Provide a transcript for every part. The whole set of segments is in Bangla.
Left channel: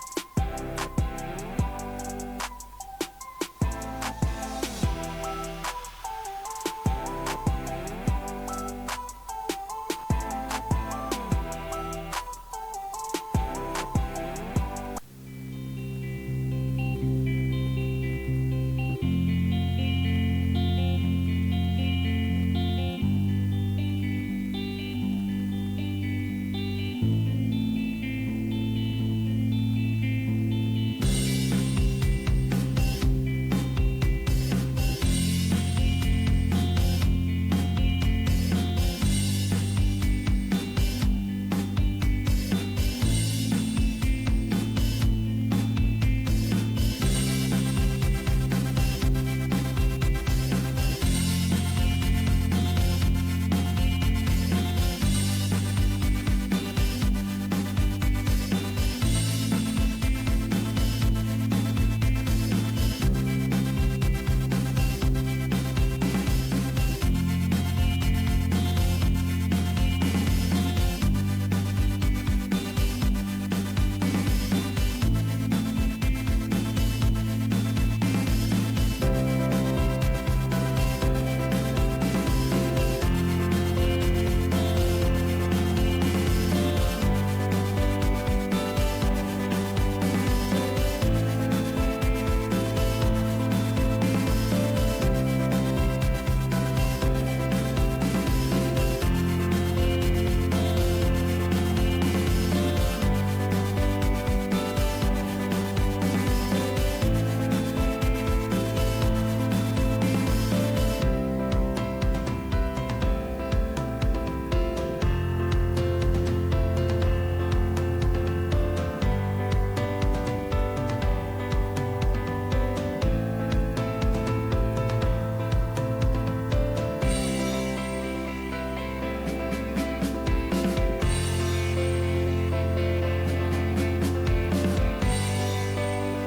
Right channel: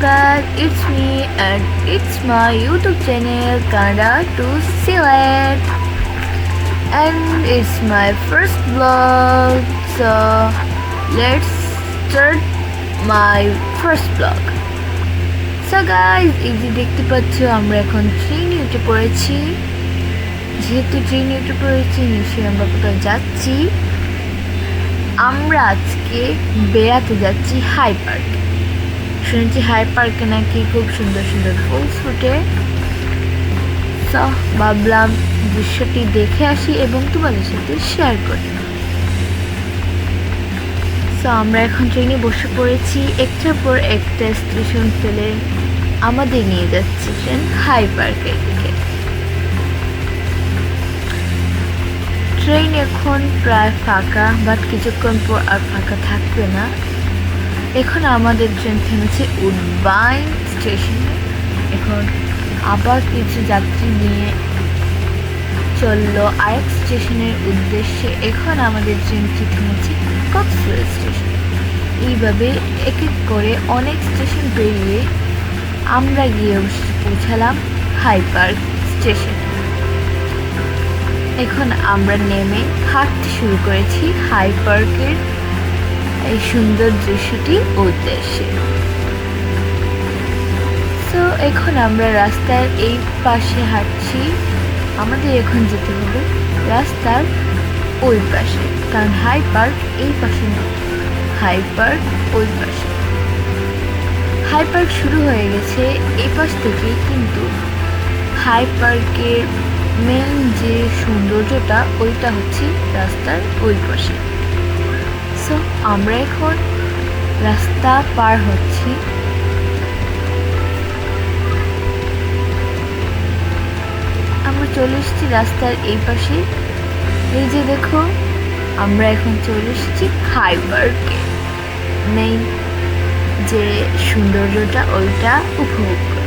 guys, it's me and it's my YouTube channel Kannada to Select, and it's my first vlog. So let's start my first vlog. So guys, এই যে দেখতে পাচ্ছ আমরা এখন ট্রেন উঠে পড়েছি। যেহেতু ট্রেন উঠে পড়েছি, নিশ্চয়ই আমরা কোথাও যাচ্ছি। আমরা আজকে বেড়াতে যাচ্ছি হাই পার্কে। শুনেছি হাই পার্কে নাকি খুব সুন্দর সুন্দর ফুল ফুটে। তো ভাবলাম দৃশ্যটি দেখে আসি এবং তোমাদের সাথে শেয়ার করি। তো আমরা এখন ট্রেনে বসে পড়েছি। একটার পর একটা স্টেশন ফেলে আমাদের নিয়ে যাচ্ছে ট্রেন হাই পার্কের দিকে। ট্রেন এখন প্রায় ফাঁকা, বাট কিছুক্ষণ পর আর ফাঁকা থাকবে না। এখন আমাদের ট্রেন থেমেছে উডবাইন স্টেশনে। এখন আবার কিছু যাত্রী নিয়ে চললো আরেক স্টেশনের উদ্দেশ্যে। এখন আমাদের ট্রেনটি থেমেছে কক্সবাজার স্টেশনে। এইভাবে এক এক করে অনেক স্টেশন পেরিয়ে আমরা গিয়ে পৌঁছালাম হাই পার্ক স্টেশনে। এখন আমরা নেমে হাঁটতে শুরু করেছি হাই পার্কের এই সুন্দর দৃশ্যটির উদ্দেশ্যে। তো এখন আমরা রাস্তার এই পাশে হাঁটছি। আমাদের এখন যেতে হবে রাস্তার ওই পাশে, কারণ হাই পার্ক এই পাশে নেই, হাই পার্ক ওই পাশে। হাই পার্ক শুরু হয়ে গেছে এই পাশ থেকে, কিন্তু হাই পার্কের মেন যে সৌন্দর্যটা ওইটা হচ্ছে রাস্তার ওই পাশে। সো আমরা এখন রাস্তা পার হচ্ছি। আমরা চলে এসেছি রাস্তার এই পাশে। এই যে দেখো, আমরা এখন চলে এসেছি হাই পার্কে। মেইন যে সৌন্দর্যটা ওইটা উপভোগ করি।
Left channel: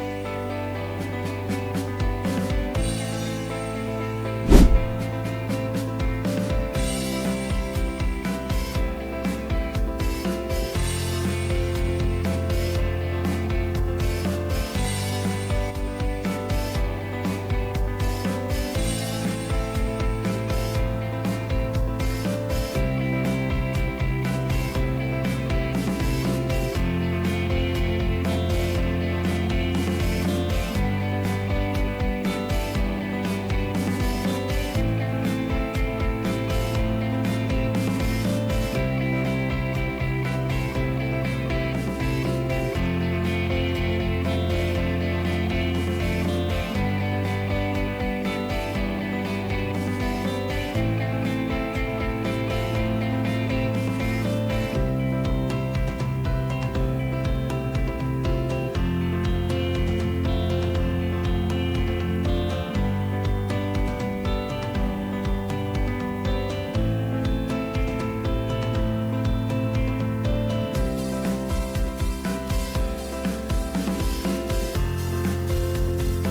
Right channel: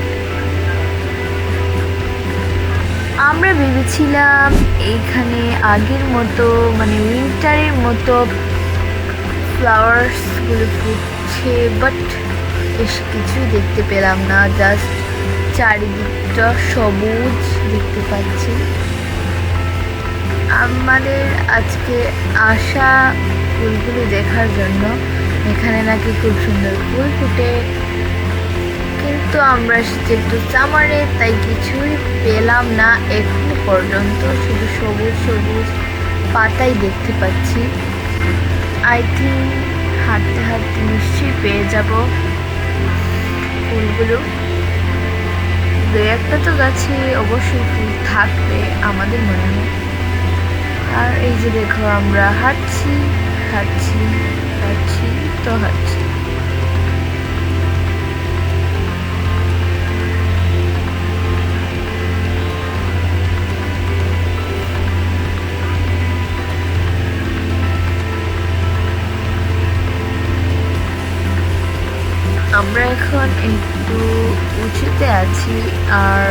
আমরা ভেবেছিলাম এইখানে আগের মতো মানে উইন্টারের মতো ফ্লাওয়ার্সগুলো ফুটছে, বাট বেশি কিছুই দেখতে পেলাম না। জাস্ট চারিদিকটা সবুজ দেখতে পাচ্ছি। আমাদের আজকে আসা ফুলগুলো দেখার জন্য। এখানে নাকি খুব সুন্দর ফুল ফুটে, কিন্তু আমরা যেহেতু সামারে তাই কিছুই পেলাম না এখন পর্যন্ত। শুধু সবুজ সবুজ পাতাই দেখতে পাচ্ছি। আই থিঙ্ক হাঁটতে হাঁটতে নিশ্চয়ই পেয়ে যাব ফুলগুলো। দু একটা তো গাছে অবশ্যই ফুল থাকবে আমাদের মনে হয়। আর এই যে দেখো, আমরা হাঁটছি হাঁটছি হাঁটছি তো হাঁটছি। আমরা এখন একটু উঁচুতে আছি, আর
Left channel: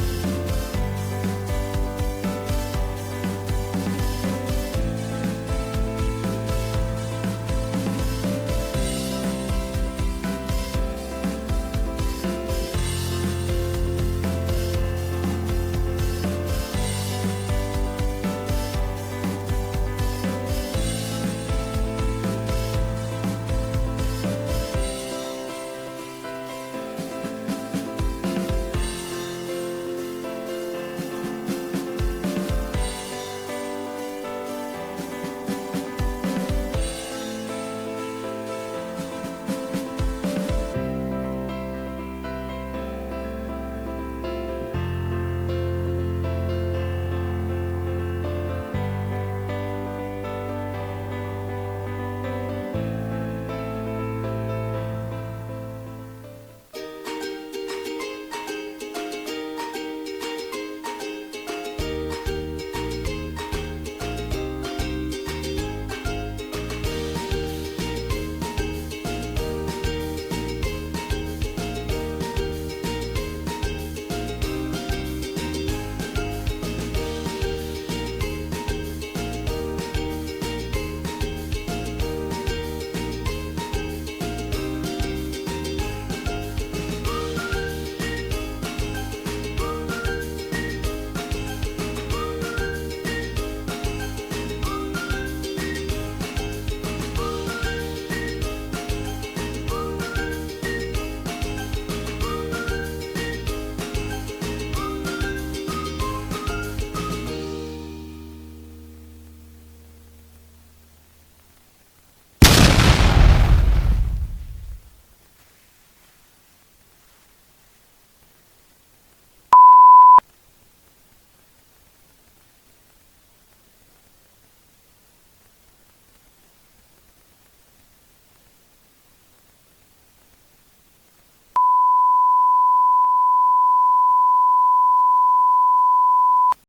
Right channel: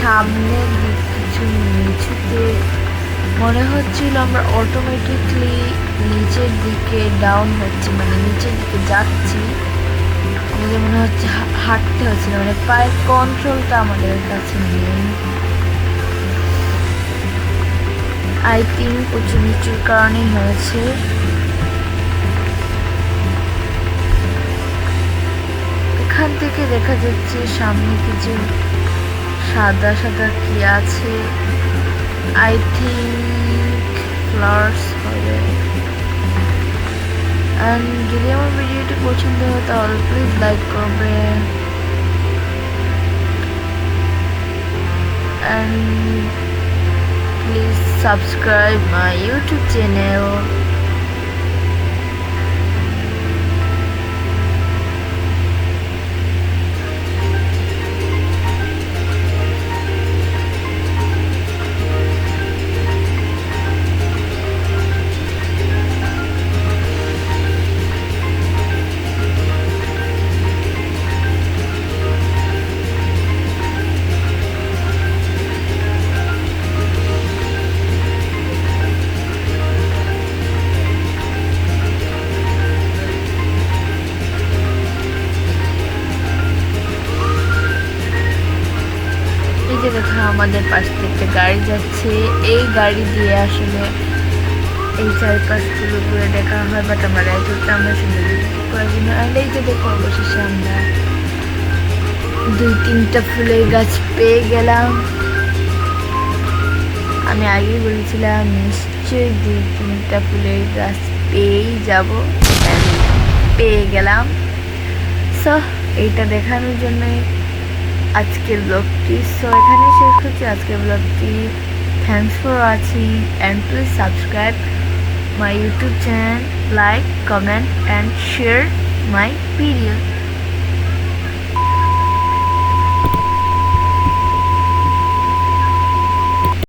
সামনে কিছু নিচুতে মনে হচ্ছিল আমরা অটোমেটিকলি নিচের দিকে ডাউন হচ্ছি, মানে নিচের দিকে যাচ্ছি। আমাদের মনে হচ্ছে হাঁটতে হচ্ছে না, মানে পায়ের কন্ট্রোলটা আমাদের কাছে নেই। আই থিঙ্ক উঁচু নিচুর কারণেই হয়েছে। এখান থেকে দেখা যাচ্ছে সামনে কিছু সাদা সাদা কি আছে। আই থিঙ্ক ফ্লাওয়ার্স হবে। অ্যান্ড যদি আমার ভিডিওটি পছন্দ হয় তাহলে প্লিজ লাইক করবেন, and please subscribe my YouTube channel. আমাদের পাশ থেকে একটা গাড়ি যাচ্ছে। এই গাড়ি দিয়ে আসলে এই চারিপাশগুলো ঘুরে দেখা হয়, বাট আমরা রাইডটা আমরা শুধু করার জন্য। আর এই যে দেখো অবশেষে আমরা 2-3টা ফুলের গাছ পেয়ে গেলাম। আমি আগেই বলেছিলাম নিশ্চয়ই 2-3টা ফুলের গাছ পেয়েই যাব, পেয়ে গেলাম। সো এইটা দেখানোর জন্যই আজকের ব্লগটি। সো এখানে শেষ করছি আজকের ব্লগটি। Thanks for watching and please subscribe my YouTube channel, like, comment and share my video.